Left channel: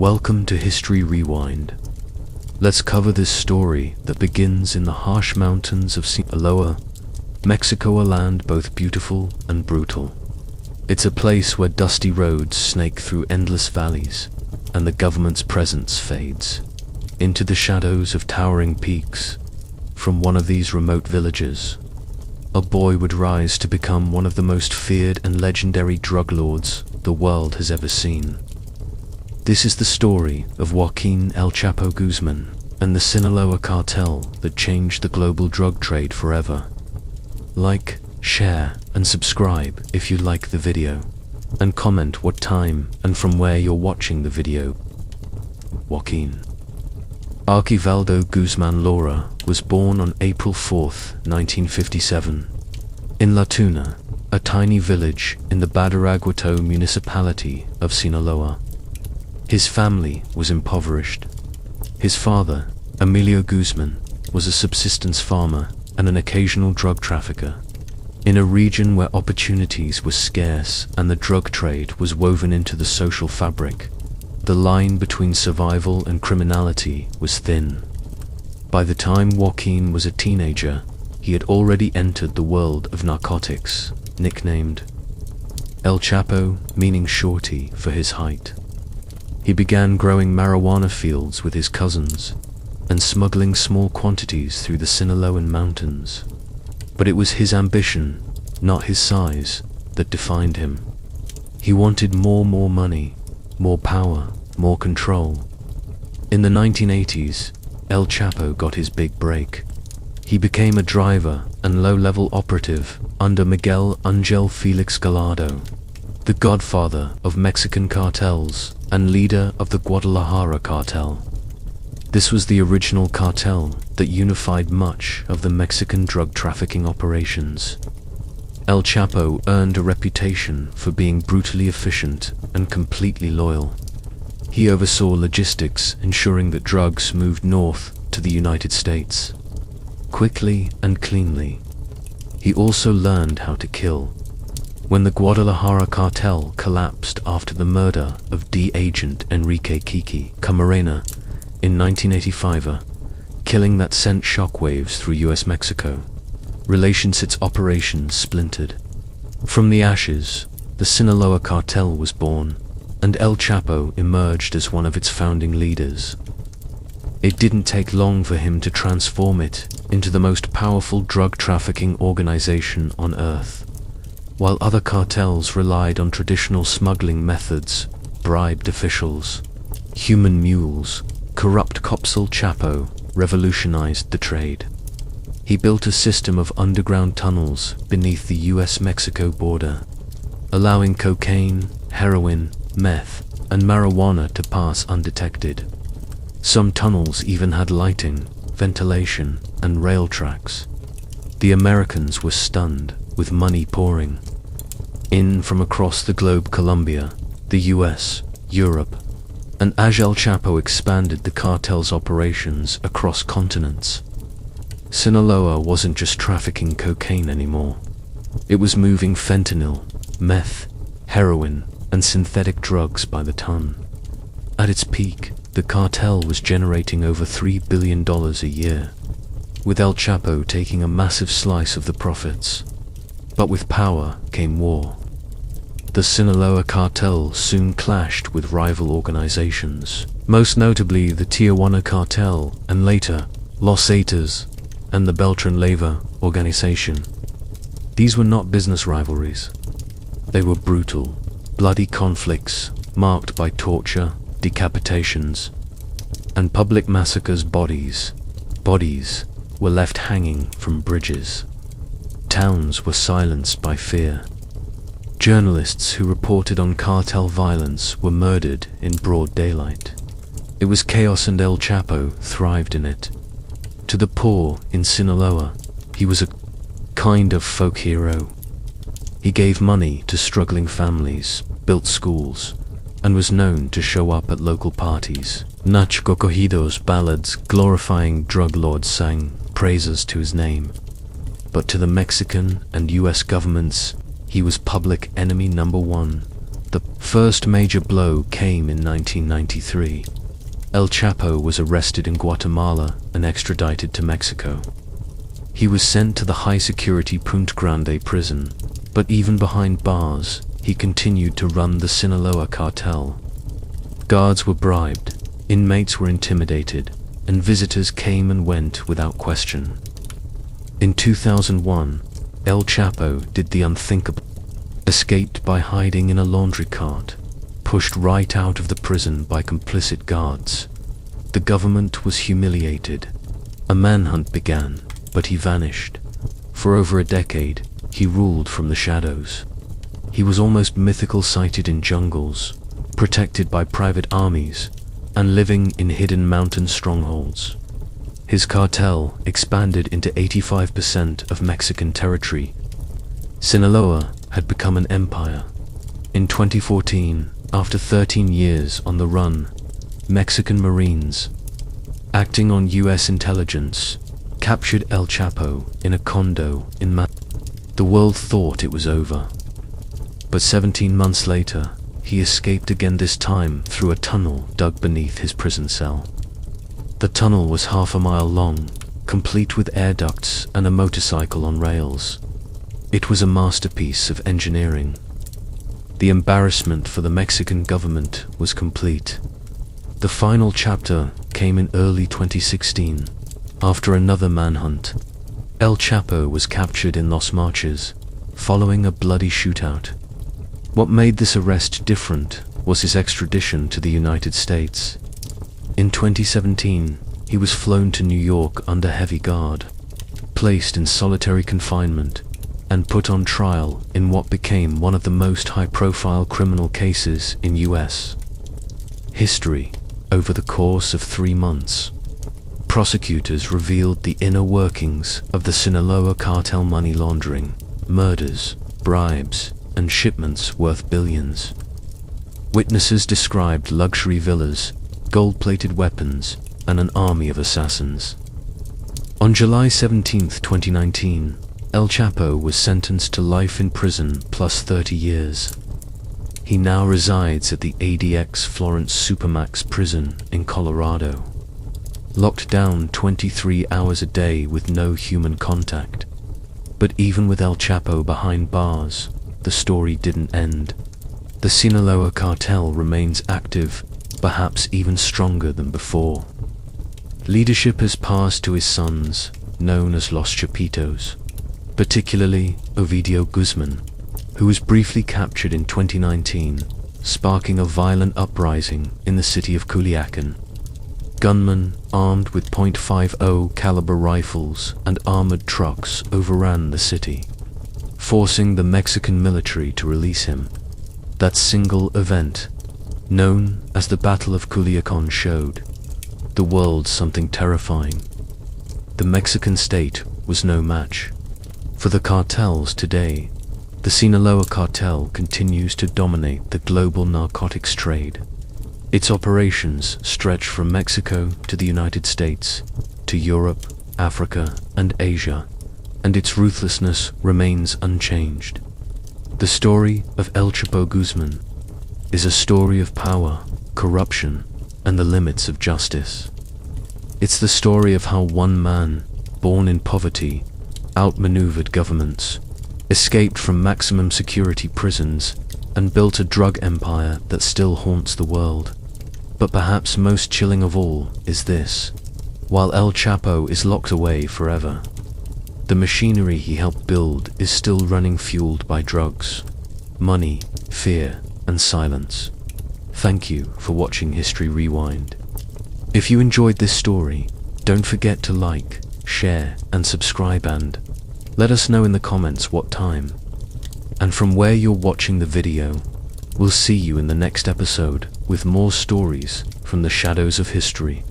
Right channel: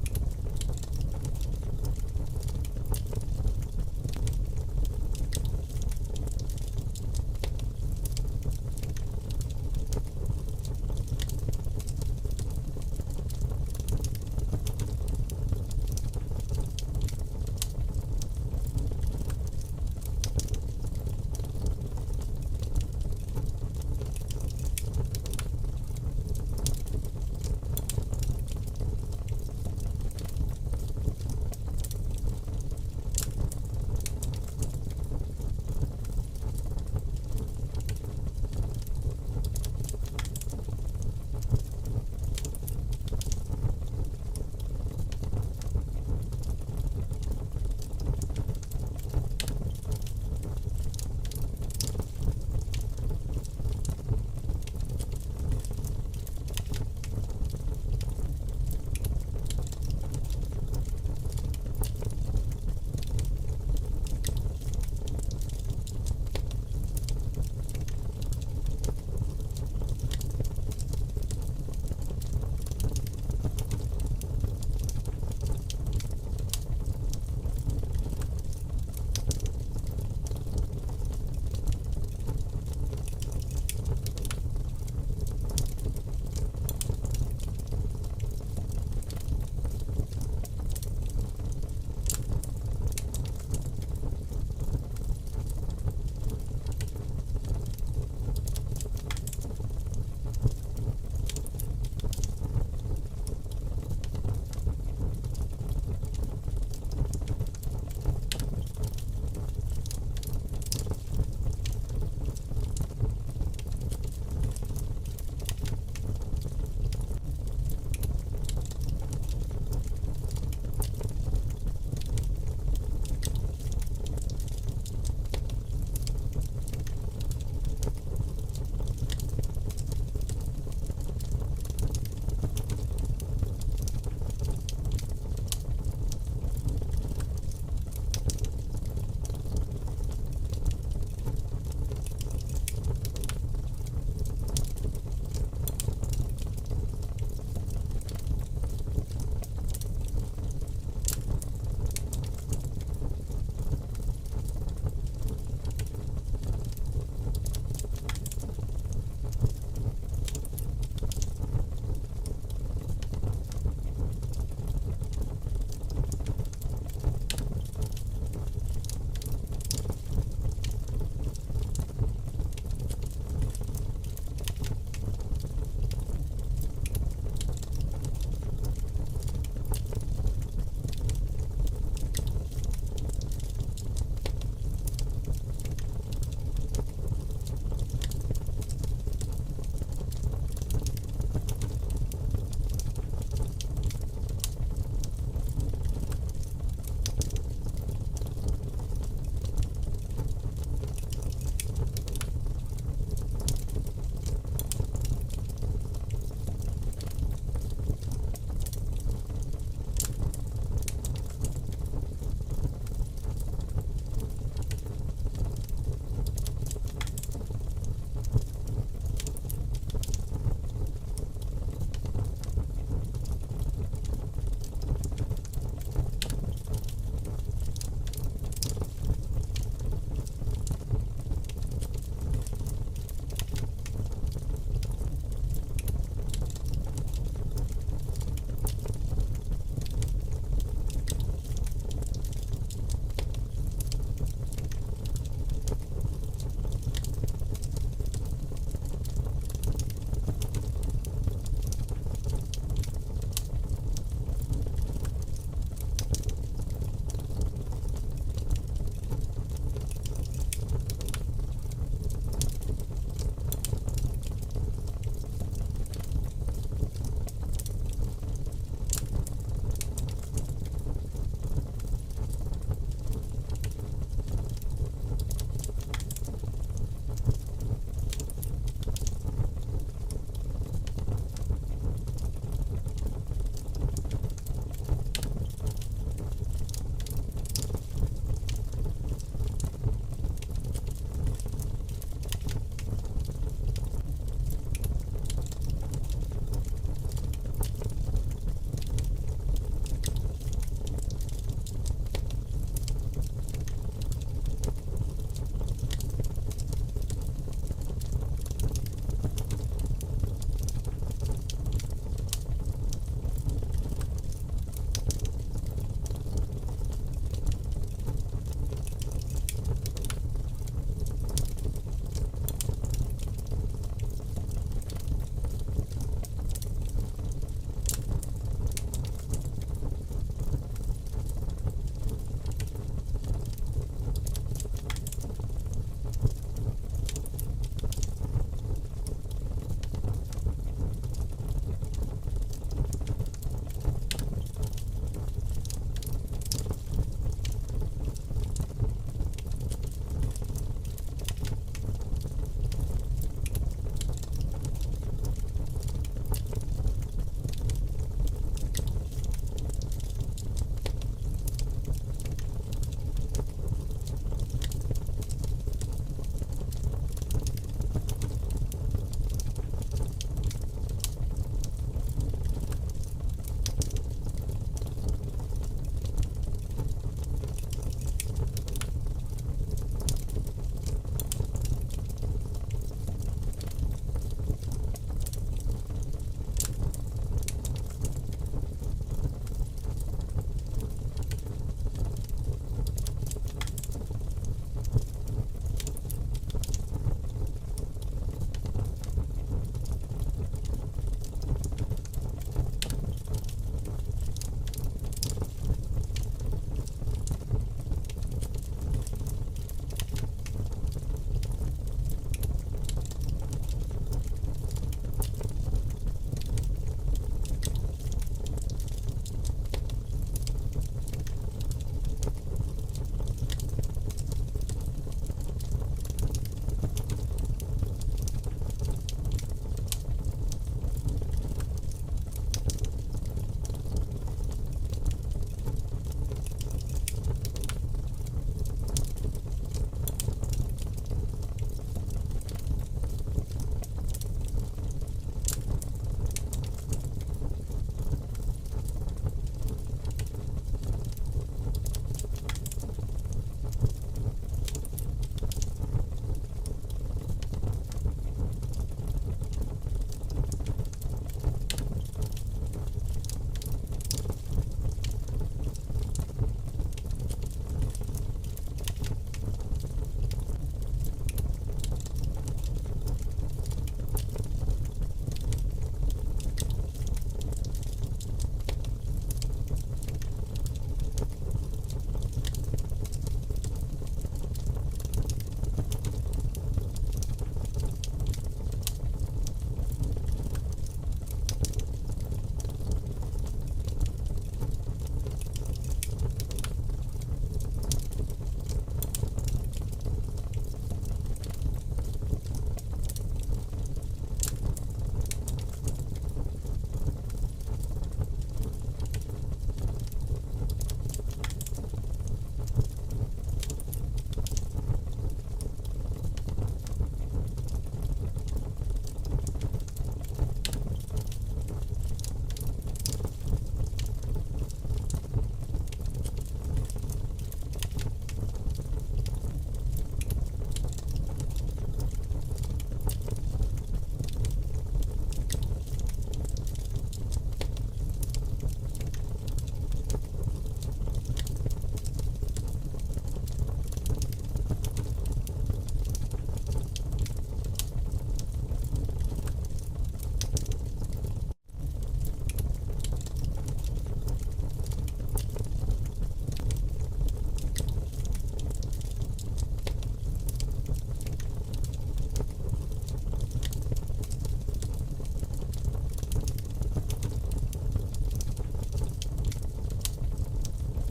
Welcome to History Rewind. Let's cover this story that begins in the harsh mountains of Sinaloa, Mexico, a land both beautiful and brutal. It's a place where dusty roads snake through endless valleys, and the government's presence fades into the shadows of towering peaks. From one of these remote villages, a boy would rise to become one of the most feared and legendary drug lords the world has ever seen. This is the story of Joaquín El Chapo Guzmán and the Sinaloa Cartel that changed the global drug trade forever. Like, share, and subscribe if you like the video, and comment what time and from where you're watching the video. Joaquín Archivaldo Guzmán Lara was born on April 4th, 1957, in La Tuna, a tiny village in the Badiraguato municipality of Sinaloa. His family was impoverished. His father, Emilio Guzmán, was a subsistence farmer and an occasional drug trafficker. In a region where opportunities were scarce and the drug trade was woven into the social fabric, the line between survival and criminality was thin. By the time Joaquín was a teenager, he had already entered the world of narcotics, nicknamed El Chapo, meaning shorty for his height. He began growing marijuana fields with his cousins and smuggling small quantities through the Sinaloan mountains. But it was his ambition, not his size, that defined him. He wanted more money, more power, more control. In the 1980s, El Chapo got his big break. He became a driver and low-level operative under Miguel Angel Felix Gallardo, the godfather of Mexican cartels and leader of the Guadalajara cartel. This was the original cartel that unified much of the Mexican drug trafficking operations. El Chapo earned a reputation for being brutally efficient and completely loyal. He oversaw logistics, ensuring that drugs moved north to the United States, quickly and cleanly. He also learned how to kill. When the Guadalajara cartel collapsed after the murder of D agent Enrique Kiki Camarena in 1985, killing that sent shockwaves through US-Mexico, its operations splintered. From the ashes, the Sinaloa Cartel was born, and El Chapo emerged as one of its founding leaders. It didn't take long for him to transform it into the most powerful drug trafficking organization on Earth. While other cartels relied on traditional smuggling methods, bribed officials, human mules, corrupt cops, El Chapo revolutionized the trade. He built a system of underground tunnels beneath the US-Mexico border, allowing cocaine, heroin, meth, and marijuana to pass undetected. Some tunnels even had lighting, ventilation, and rail tracks. The Americans were stunned, with money pouring in from across the globe. Colombia, the US, Europe, and as El Chapo expanded the cartel's operations across continents. Sinaloa wasn't just trafficking cocaine anymore. It was moving fentanyl, meth, heroin, and synthetic drugs by the ton. At its peak, the cartel was generating over $3 billion a year, with El Chapo taking a massive slice of the profits. But with power came war. The Sinaloa Cartel soon clashed with rival organizations, most notably the Tijuana Cartel and later Los Zetas and the Beltran Leyva organization. These were not business rivalries. They were brutal, bloody conflicts marked by torture, decapitations, and public massacres. Bodies were left hanging from bridges. Towns were silenced by fear. Journalists who reported on cartel violence were murdered in broad daylight. It was chaos, and El Chapo thrived in it. To the poor in Sinaloa, he was a kind of folk hero. He gave money to struggling families, built schools, and was known to show up at local parties. Nacho Corridos ballads glorifying drug lords sang praises to his name. But to the Mexican and US governments, he was public enemy number one. The first major blow came in 1993. El Chapo was arrested in Guatemala and extradited to Mexico. He was sent to the high-security Punta Grande prison, but even behind bars, he continued to run the Sinaloa Cartel. Guards were bribed, inmates were intimidated, and visitors came and went without question. In 2001, El Chapo did the unthinkable. Escaped by hiding in a laundry cart, pushed right out of the prison by complicit guards. The government was humiliated. A manhunt began, but he vanished. For over a decade, he ruled from the shadows. He was almost mythical, sighted in jungles, protected by private armies, and living in hidden mountain strongholds. His cartel expanded into 85% of Mexican territory. Sinaloa had become an empire. In 2014, after 13 years on the run, Mexican Marines, acting on US intelligence, captured El Chapo in a condo in The world thought it was over. But 17 months later, he escaped again, this time through a tunnel dug beneath his prison cell. The tunnel was half a mile long, complete with air ducts and a motorcycle on rails. It was a masterpiece of engineering. The embarrassment for the Mexican government was complete. The final chapter came in early 2016, after another manhunt. El Chapo was captured in Los Marches, following a bloody shootout. What made this arrest different was his extradition to the United States. In 2017, he was flown to New York under heavy guard, placed in solitary confinement, and put on trial in what became one of the most high-profile criminal cases in US history. Over the course of 3 months, prosecutors revealed the inner workings of the Sinaloa Cartel: money laundering, murders, bribes, and shipments worth billions. Witnesses described luxury villas, gold-plated weapons, and an army of assassins. On July 17, 2019, El Chapo was sentenced to life in prison plus 30 years. He now resides at the ADX Florence Supermax prison in Colorado, locked down 23 hours a day with no human contact. But even with El Chapo behind bars, the story didn't end. The Sinaloa Cartel remains active, perhaps even stronger than before. Leadership has passed to his sons, known as Los Chapitos, particularly Ovidio Guzman, who was briefly captured in 2019, sparking a violent uprising in the city of Culiacan. Gunmen armed with .50 caliber rifles and armored trucks overran the city, forcing the Mexican military to release him. That single event, known as the Battle of Culiacan, showed the world something terrifying. The Mexican state was no match for the cartels today. The Sinaloa Cartel continues to dominate the global narcotics trade. Its operations stretch from Mexico to the United States, to Europe, Africa, and Asia, and its ruthlessness remains unchanged. The story of El Chapo Guzmán is a story of power, corruption, and the limits of justice. It's the story of how one man, born in poverty, outmaneuvered governments, escaped from maximum security prisons, and built a drug empire that still haunts the world. But perhaps most chilling of all is this: while El Chapo is locked away forever, the machinery he helped build is still running, fueled by drugs, money, fear, and silence. Thank you for watching History Rewind. If you enjoyed this story, don't forget to like, share, and subscribe, and let us know in the comments what time and from where you're watching the video. We'll see you in the next episode with more stories from the shadows of history.